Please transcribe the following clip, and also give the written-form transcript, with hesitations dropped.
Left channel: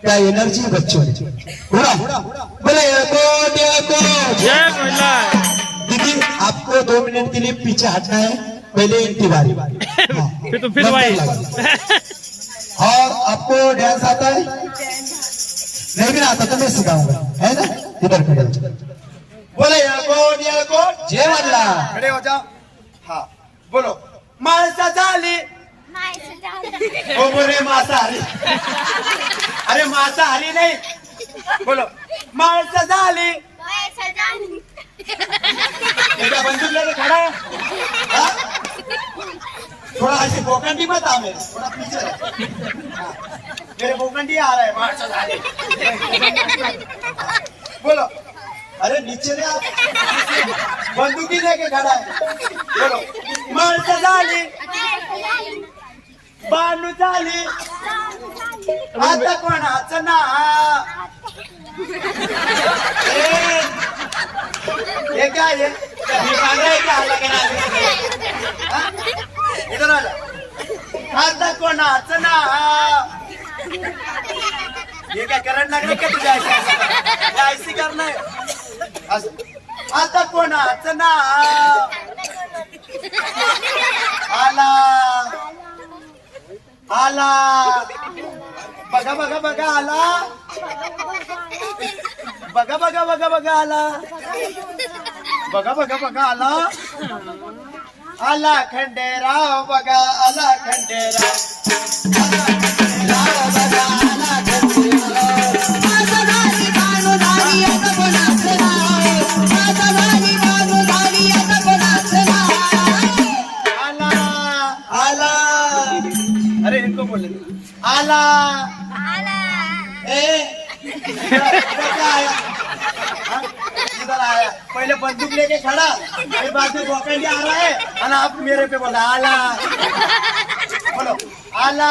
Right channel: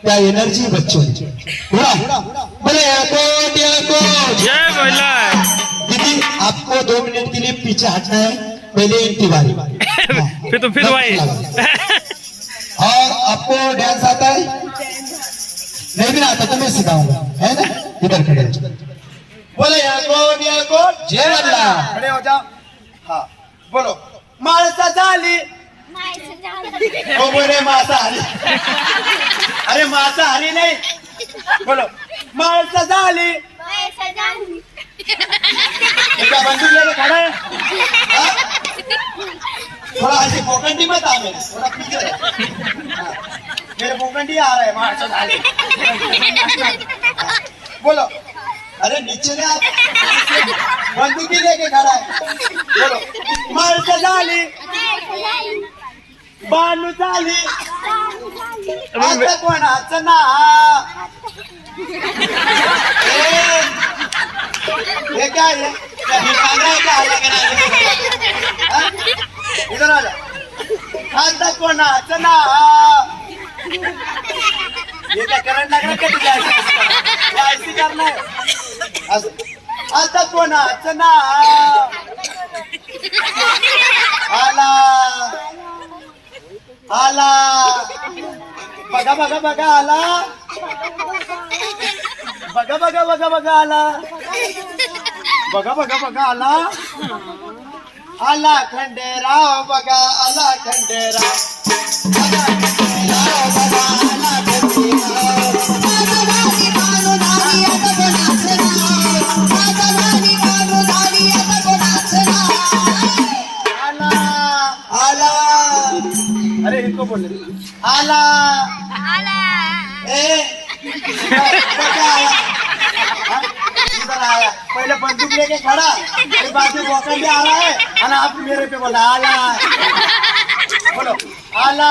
क्या एनर्जी बच्चों बोला बोले एयरपोर्ट जय बोला। दीदी आपको 2 मिनट के लिए पीछे हटना है, पहले इनकी बारी। फिर तो फिर भाई और आपको डांस आता है? नहीं भी आता तो मैं सिखाऊंगा, है ना? इधर खड़े हो जाओ। बोले एयरपोर्ट जय बोला। खड़े हो जाओ। हाँ बोलो माणसा झाली हो बोले मांसाहारी। अरे मांसाहारी नहीं, बोलो माणसा झाली। क्या बंदूक लेके खड़ा है? हाँ? थोड़ा ऐसे पोकंडी मत आ मेरे, थोड़ा पीछे रह। हाँ, मेरे पोकंडी आ रहा है माणसा झाली। बोलो अरे नीचे ने आप बंदूकी लेके खड़ा है। बोलो माणसा झाली बानू झाली आता कोणाचं ना। ये क्या है? क्या इधर आ जा। आता कोणाचं ना। ये क्या करंट लग रहा है क्या तुझे? ऐसी करना है आता कोणाचं ना। आला आला बघा बघा बघा आला बघा बघा बघा बघा आला बघा बघा बघा आला आला खंडेराव बघा आला खंडेराव आला खंडेराव बघा आला खंडेराव माझा भारी बानुधारी आता कोणाचं नाव माझा भारी बानुधारी आता कोणाचं नाव आला अरे इनको बोल आला ए क्या आया? हाँ? इधर आया पहले बंदूक लेके खड़ा फिर बाद में बोकंडी आ रहा है और आप मेरे पे बोला आला बोलो आला।